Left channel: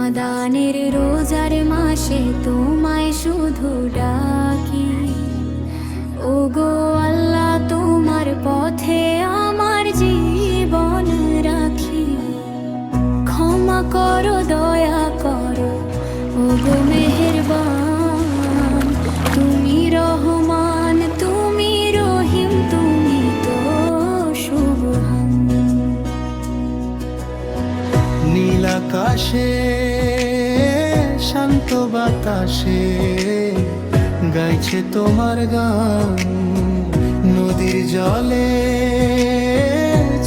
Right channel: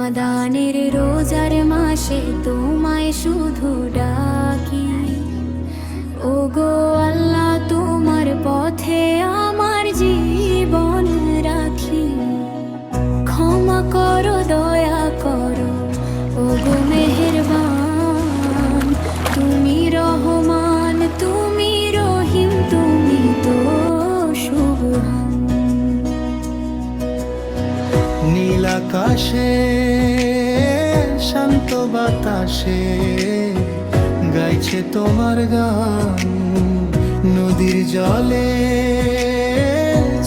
রমাদানের রোজার মাসে তোমায় শুধু ডাকি, ওগো আল্লাহ তোমার পথে আমার জীবন রাখি। ক্ষমা করো, দয়া করো, ওগো মেহেরবান, তুমি রহমান, তুমি রহিম, তুমি তো সুবহান। নীল আকাশে শান্ত বাতাসে গাইছে তোমার গান, নদীর জলে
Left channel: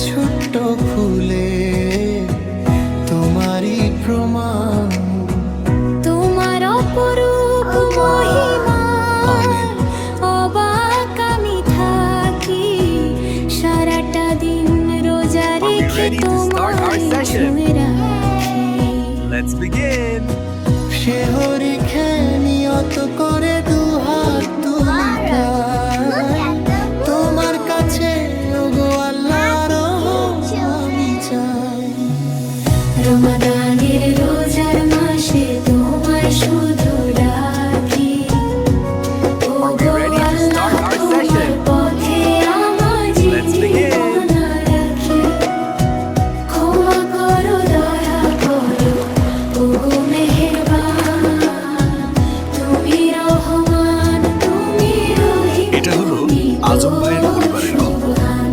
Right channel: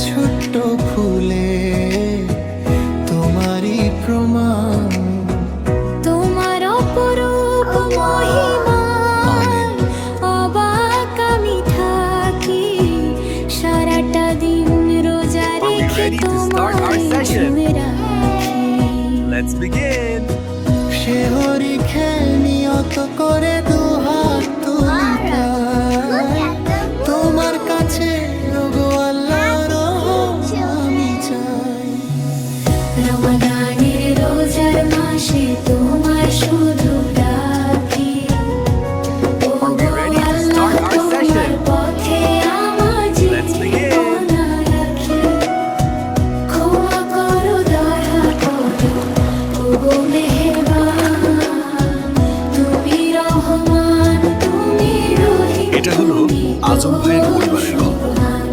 ছোট্ট ফুলে তোমারই প্রমাণ। তোমার অপরূপ মহিমায় অবাক আমি থাকি, সারাটা দিন রোজা রেখে তোমায় ছুঁয়ে রাখি। Let's begin. শেহরি খেয়ে নিয়ত করে দুহাত তুলি তাই তোমার কাছে ওগো আল্লাহ আমি চাই। রমাদানের রোজার মাসে তোমায় শুধু ডাকি, Are we ready to start our session? পথে আমার Let's begin. জীবন রাখি। ক্ষমা করো, দয়া করো, ওগো মেহেরবান, তুমি রহমান, তুমি রহিম, এটা হলো তুমি তো আজম ভাইয়ের পরিবারের গল্প। সুবহান।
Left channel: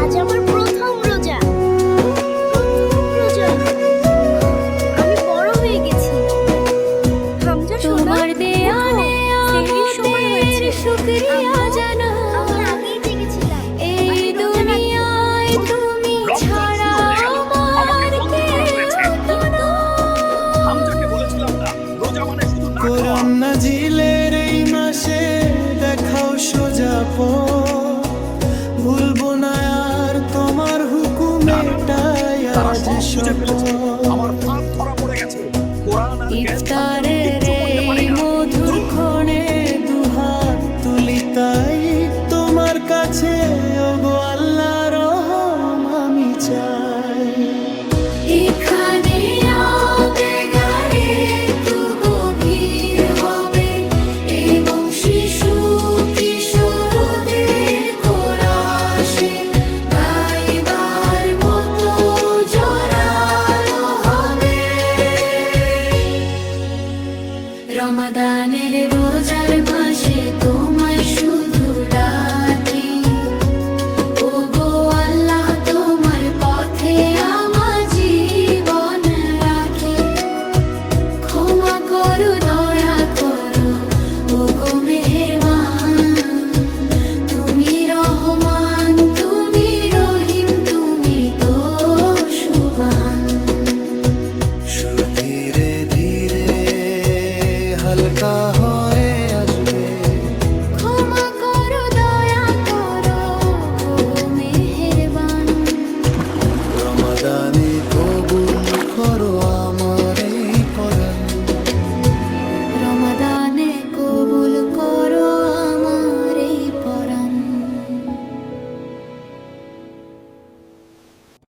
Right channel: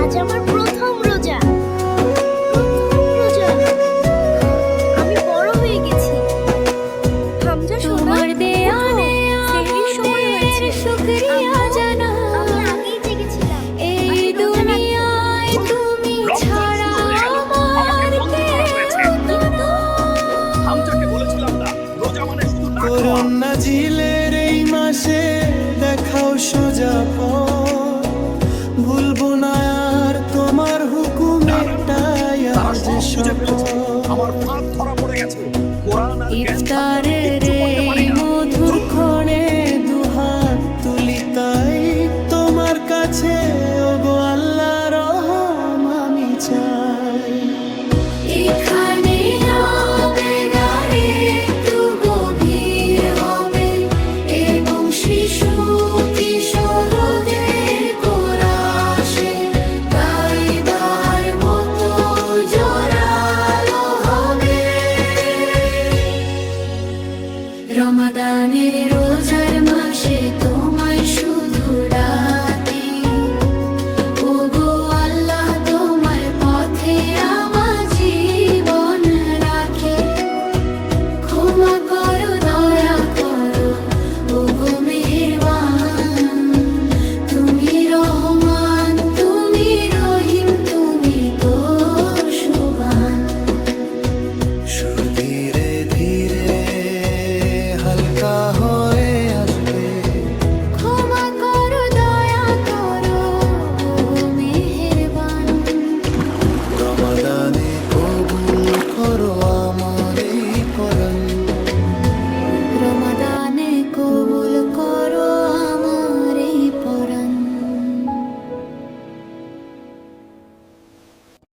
আজ আমার প্রথম রোজা। আমি বড় হয়ে গেছি। হামজা সোনা, তোমার দেয়া ওঠো, সেহরির সময় হয়েছে। শুকরিয়া আম্মু, জানা, আমি আগেই জেগেছিলাম। এই আমি রোজা রাখবো। দুনিয়ায় তুমি ছাড়া আমার কেউ তো না। হামজাকে বলেছিলাম না রোজা মানে শুধু না খাওয়া। করোনা জিলের এই মাসে দেখাও সোজা পথ, ভুলবো না আর তোমার হুকুমেটাই তারা আজ সব বুঝে ফেলেছে আমার শপথ। ফাঁদ ধরা পড়ে গেছে। কোরআন আর জ্ঞান থাকলে আমি ইফতারের কিচ্ছু করতে পারি এই না। মধুর ক্ষণে দুহাত তুলি তাই তোমার কাছে ওগো আল্লাহ রহম আমি চাই। এখানে আবেগারে একটু গভীর হবে এবং শিশু কিশোরদের কোরাসে গাইবার মতো জোরালো হবে। রমাদানের রোজার মাসে তোমায় শুধু ডাকি, ওগো আল্লাহ তোমার পথে আমার জীবন রাখি। ক্ষমা করো, দয়া করো, ওগো মেহেরবান, তুমি রহমান, তুমি রহিম, তুমি তো সুবহান। সুর ধীরে ধীরে হালকা হয়ে আসবে, ক্ষমা করো, দয়া করো, ওগো মেহেরবান। রমাদানে কবুল করো আমার এই করণ। রমাদানে কবুল